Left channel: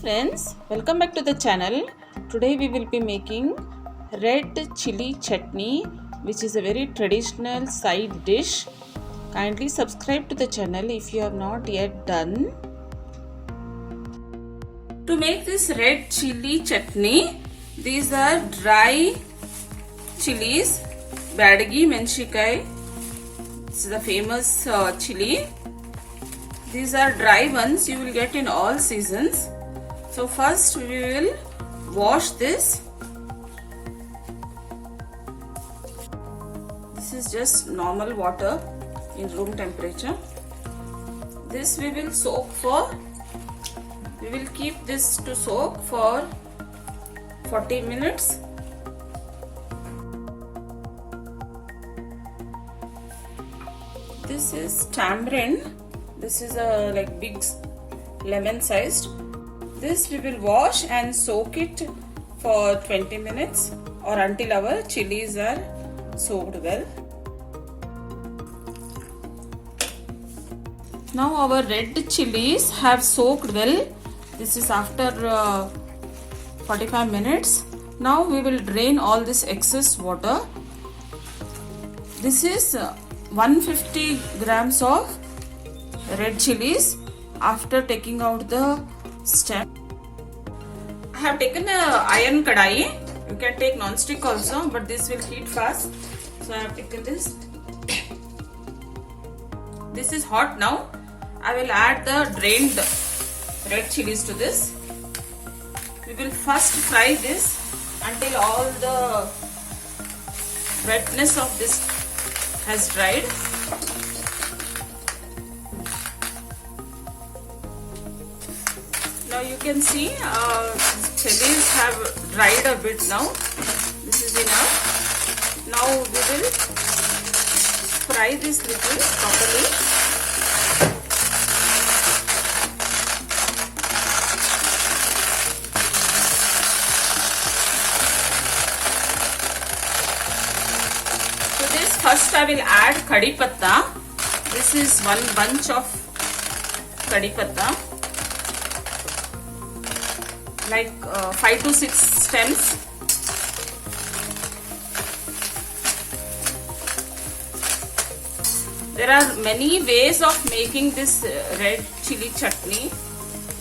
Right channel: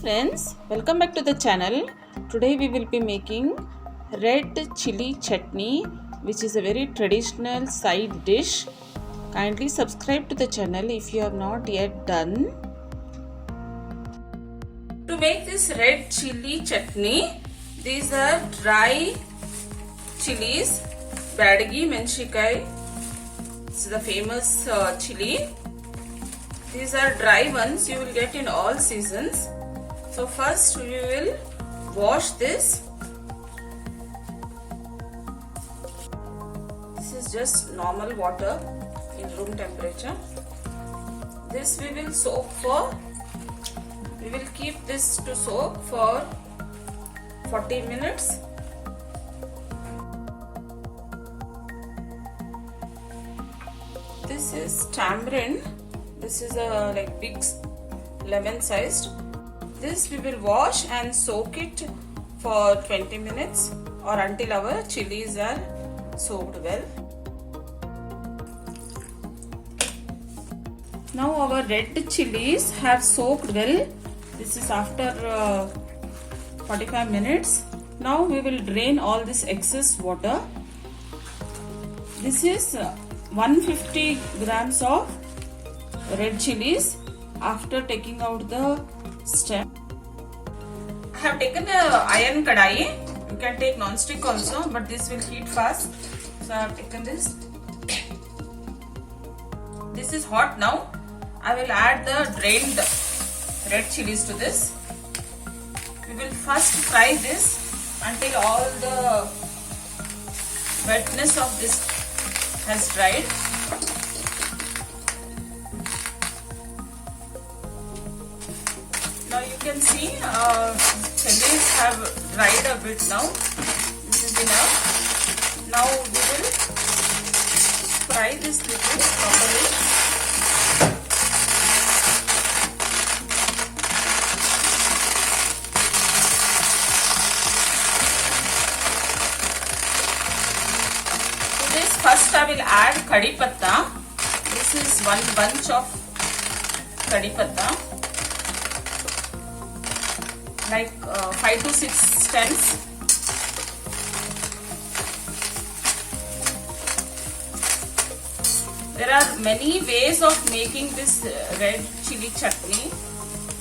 friends, welcome back to the channel. Today we will be making red chili chutney, which is a very traditional side dish. Kindly subscribe to the channel if you have not yet done. To make this red chili chutney, these are dry chilies, Badagi Menchikai. This is the famous chili. These are dry ones you will get in all seasons. So first we will wash this. This is just normal water in room temperature. This we will soak for, we will keep this to soak for 40 minutes. This is tamarind. This is a like big lemon sized. This we will wash and soak it for 20 minutes or until our chilies are soaked well. Now our red chilies have soaked well. This is after 45 minutes. Now we will drain all this excess water. This is 150 grams of red chilies after taking out the stem. I have taken a iron kadai. You can take non-stick also, but this will heat fast. So I have taken this. This is hot now. I will add the drained red chilies to this. We will first fry this until all the wetness of this has dried. You can see chilies have dried a bit now. This is enough. Now we will fry this little properly. To this first I will add kadhi patta. This is one bunch of kadhi patta. Like 5 to 6 stems. There are many ways of making this red chili chutney.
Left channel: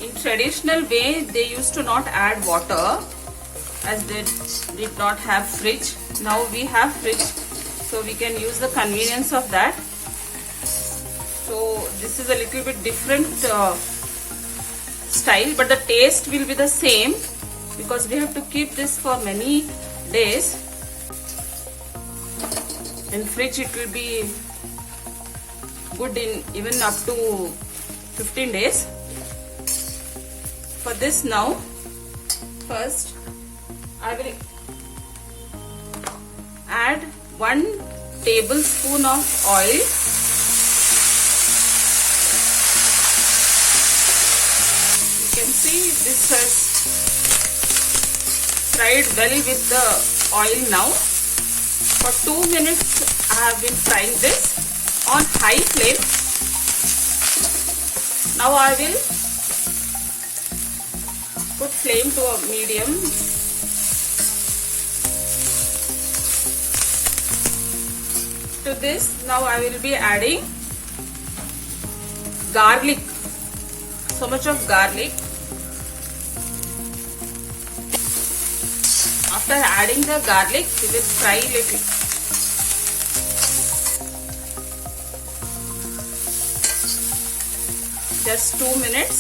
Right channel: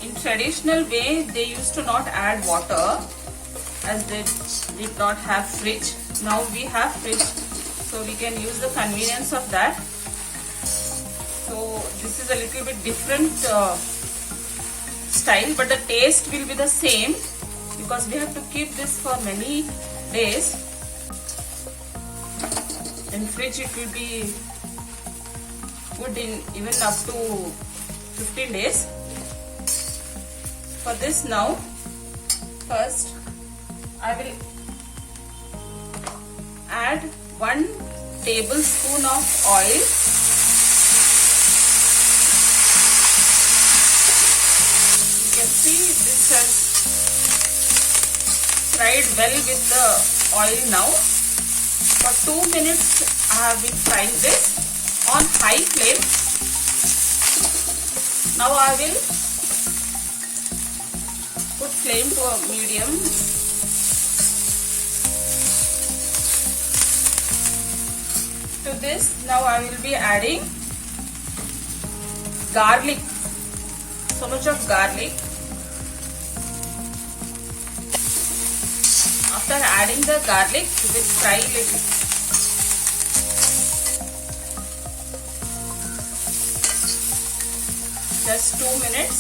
In traditional way, they used to not add water as they did not have fridge. Now we have fridge, so we can use the convenience of that. So this is a little bit different style, but the taste will be the same because we have to keep this for many days. In fridge it will be good in even up to 15 days. For this now, first I will add 1 tablespoon of oil. See, this has fried well with the oil now. For 2 minutes I have been frying this on high flame. Now I will put flame to a medium. To this now I will be adding garlic. So much of garlic. After adding the garlic, we will fry little. Just 2 minutes.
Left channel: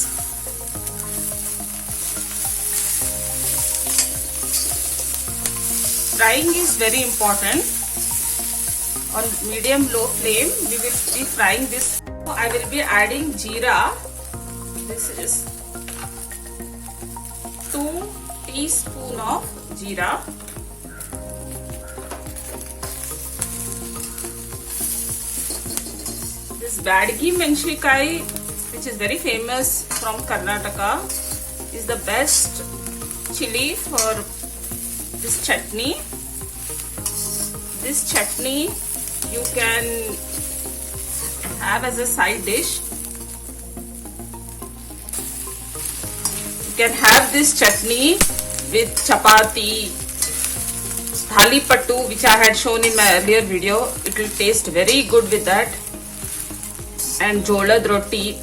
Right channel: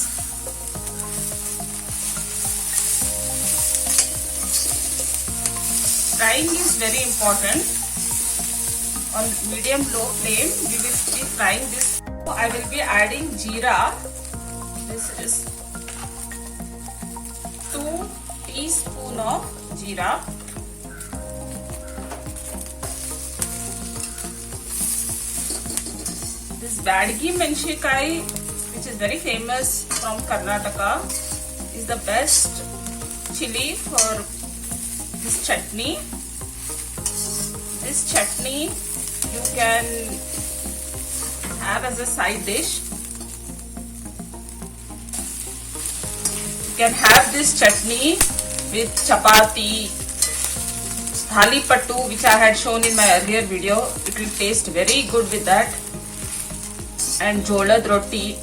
Frying is very important. On medium-low flame, we will be frying this. I will be adding jeera. This is 2 teaspoons of jeera. This Badagi Menchikai, which is very famous from Karnataka, is the best chili for this chutney. This chutney you can have as a side dish. can have this chutney with chapati, thali pattu, which I had shown in my earlier video. It will taste very good with that, and jolad roti.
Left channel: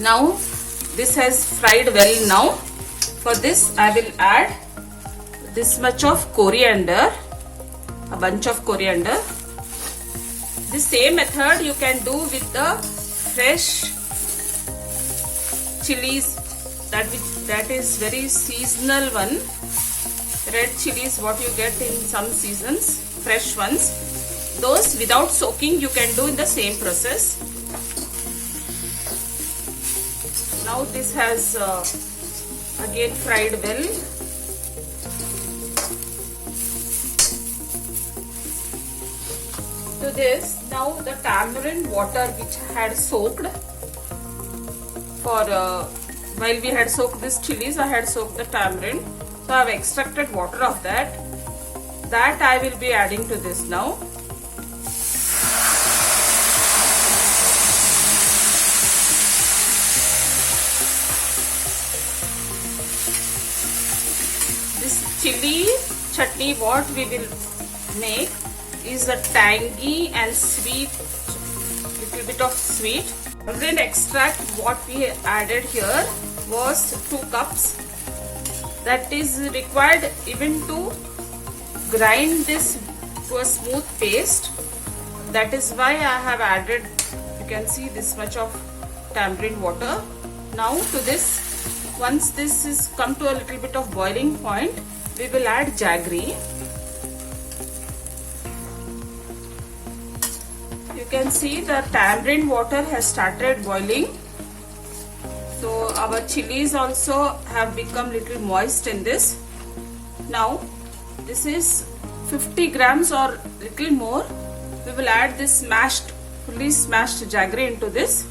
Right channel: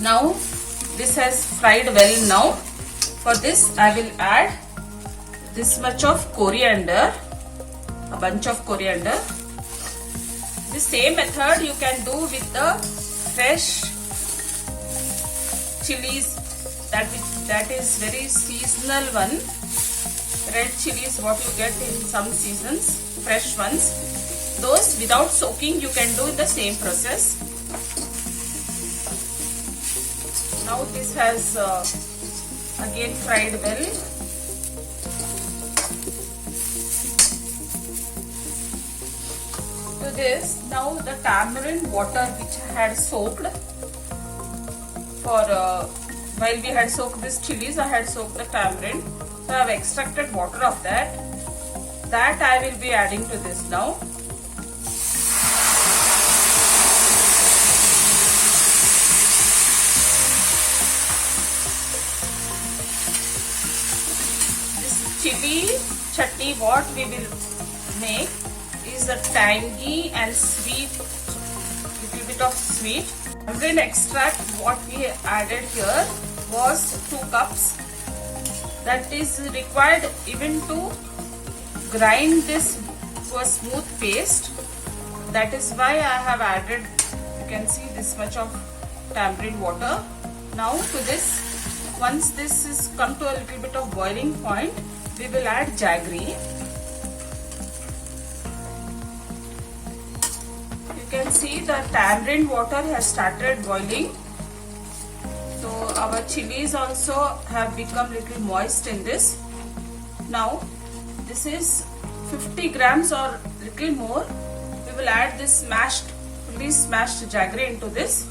Now this has fried well. Now for this I will add this much of coriander, a bunch of coriander. The same method you can do with the fresh chilies, that is very seasonal one. Red chilies what you get in some seasons, fresh ones. Those without soaking you can do in the same process. Now this has again fried well. To this, now the tamarind water which I had soaked for while we had soaked this chilies, I had soaked the tamarind. So I have extracted water of that. That I will be adding to this now. This chili chutney what we will make is a tangy and sweet, little bit of sweet. Tamarind extract what we added here was 2 cups. That is required even to grind this to a smooth paste. That is why I have added, you can see this much of tamarind water. Now to this, once this is come to a little bit of boiling point, we will add jaggery. You can see the tamarind water has started boiling. So our chilies also have become little moist in this. Now this is 50 grams or little more. We will add this fully smashed jaggery into this.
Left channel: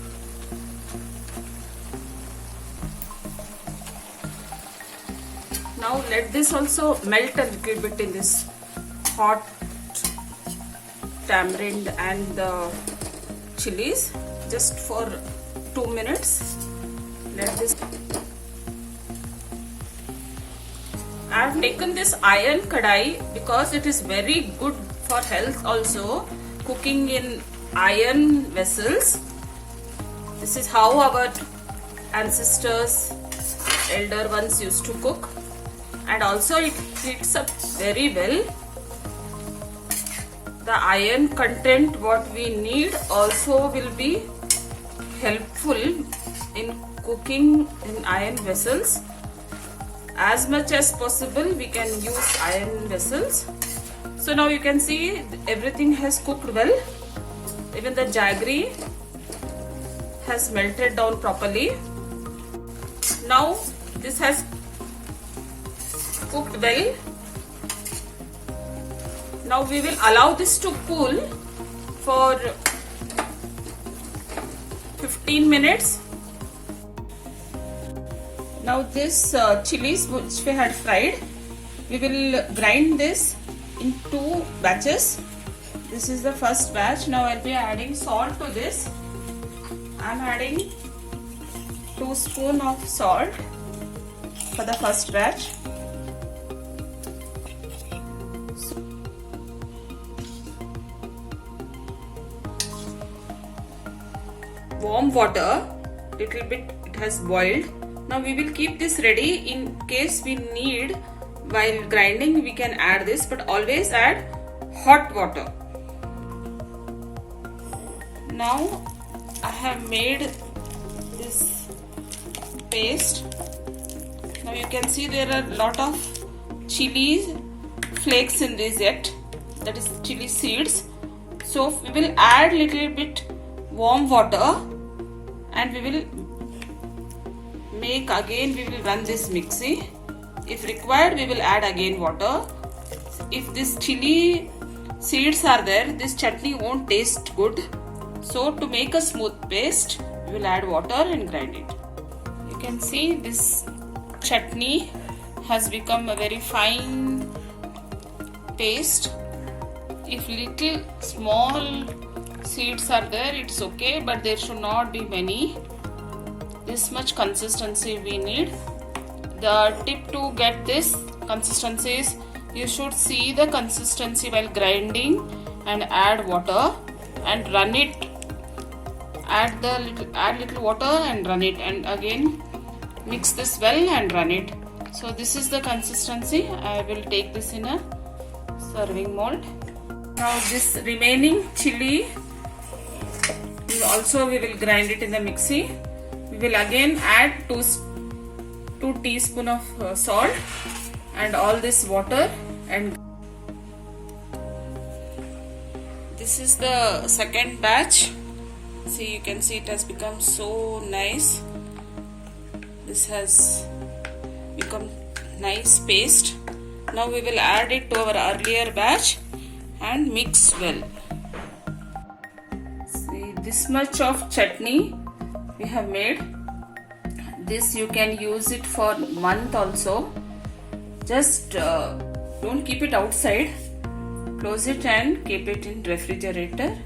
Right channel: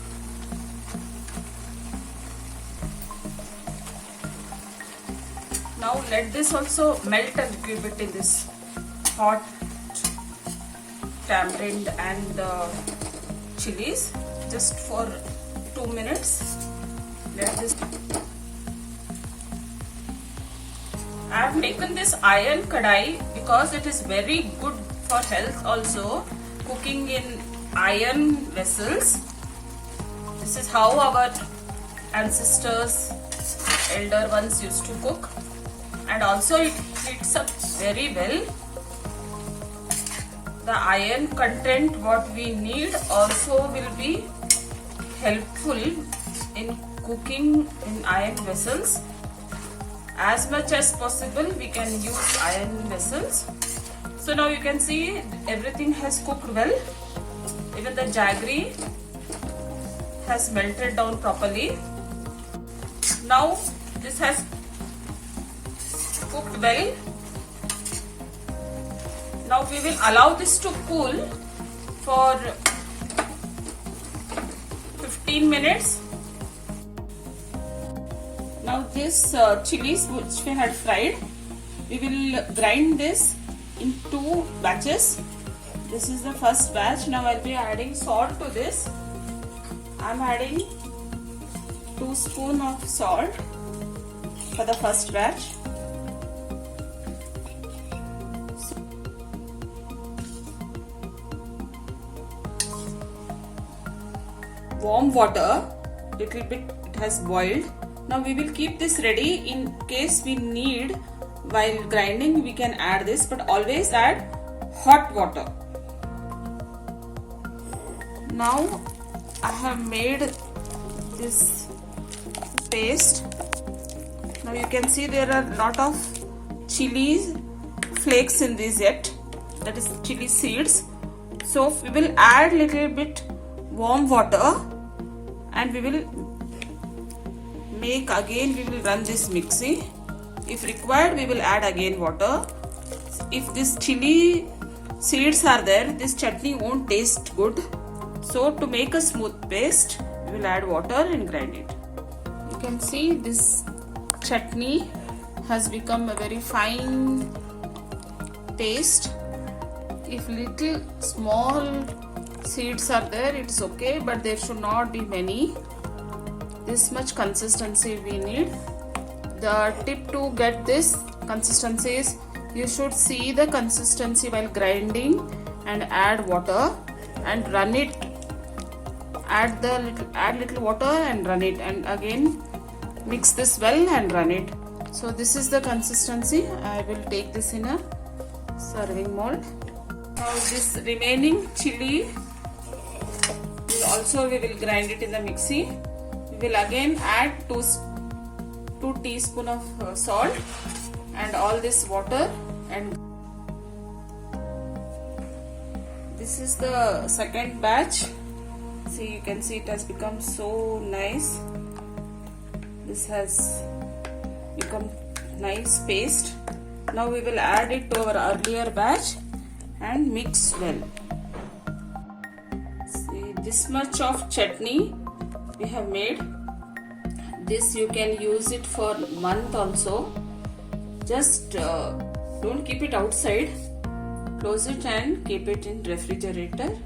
Now let this also melt a little bit in this hot tamarind and the chilies, just for 2 minutes. Let this. I have taken this iron kadai because it is very good for health also, cooking in iron vessels. This is how our ancestors, elder ones used to cook, and also it heats up very well. The iron content what we need also will be helpful in cooking in iron vessels. As much as possible we can use iron vessels. So now you can see everything has cooked well. Even the jaggery has melted down properly. Now this has cooked well. Now we will allow this to cool for 15 minutes. Now this chilies which we had fried, we will grind this in 2 batches. This is the first batch. Now I'll be adding salt to this. I'm adding 2 spoons of salt for the first batch. Warm water, little bit it has boiled. Now we will keep this ready in case we need while grinding. We can add this, but always add hot water. Now I have made this paste. Now you can see there are a lot of chili flakes in this yet, that is chili seeds. So we will add little bit warm water and we will make again, we will run this mixie. If required, we will add again water. If this chili seeds are there, this chutney won't taste good. So to make a smooth paste, we will add water and grind it. You can see this chutney has become a very fine paste. If little small seeds are there, it's okay, but there should not be many. This much consistency we need. The tip to get this consistency is you should see the consistency while grinding and add water and run it. Add little water and run it, and again mix this well and run it. So this is the consistency. I will take this in a serving mold. Now this remaining chili also we will grind it in the mixie. We will again add 2 teaspoons of salt and all this water, and this is the second batch. See, you can see it has become so nice. This has become nice paste. Now we will add it to our earlier batch and mix well. See, this much of chutney we have made. This you can use it for a month also. Just don't keep it outside. Close it and keep it in refrigerator.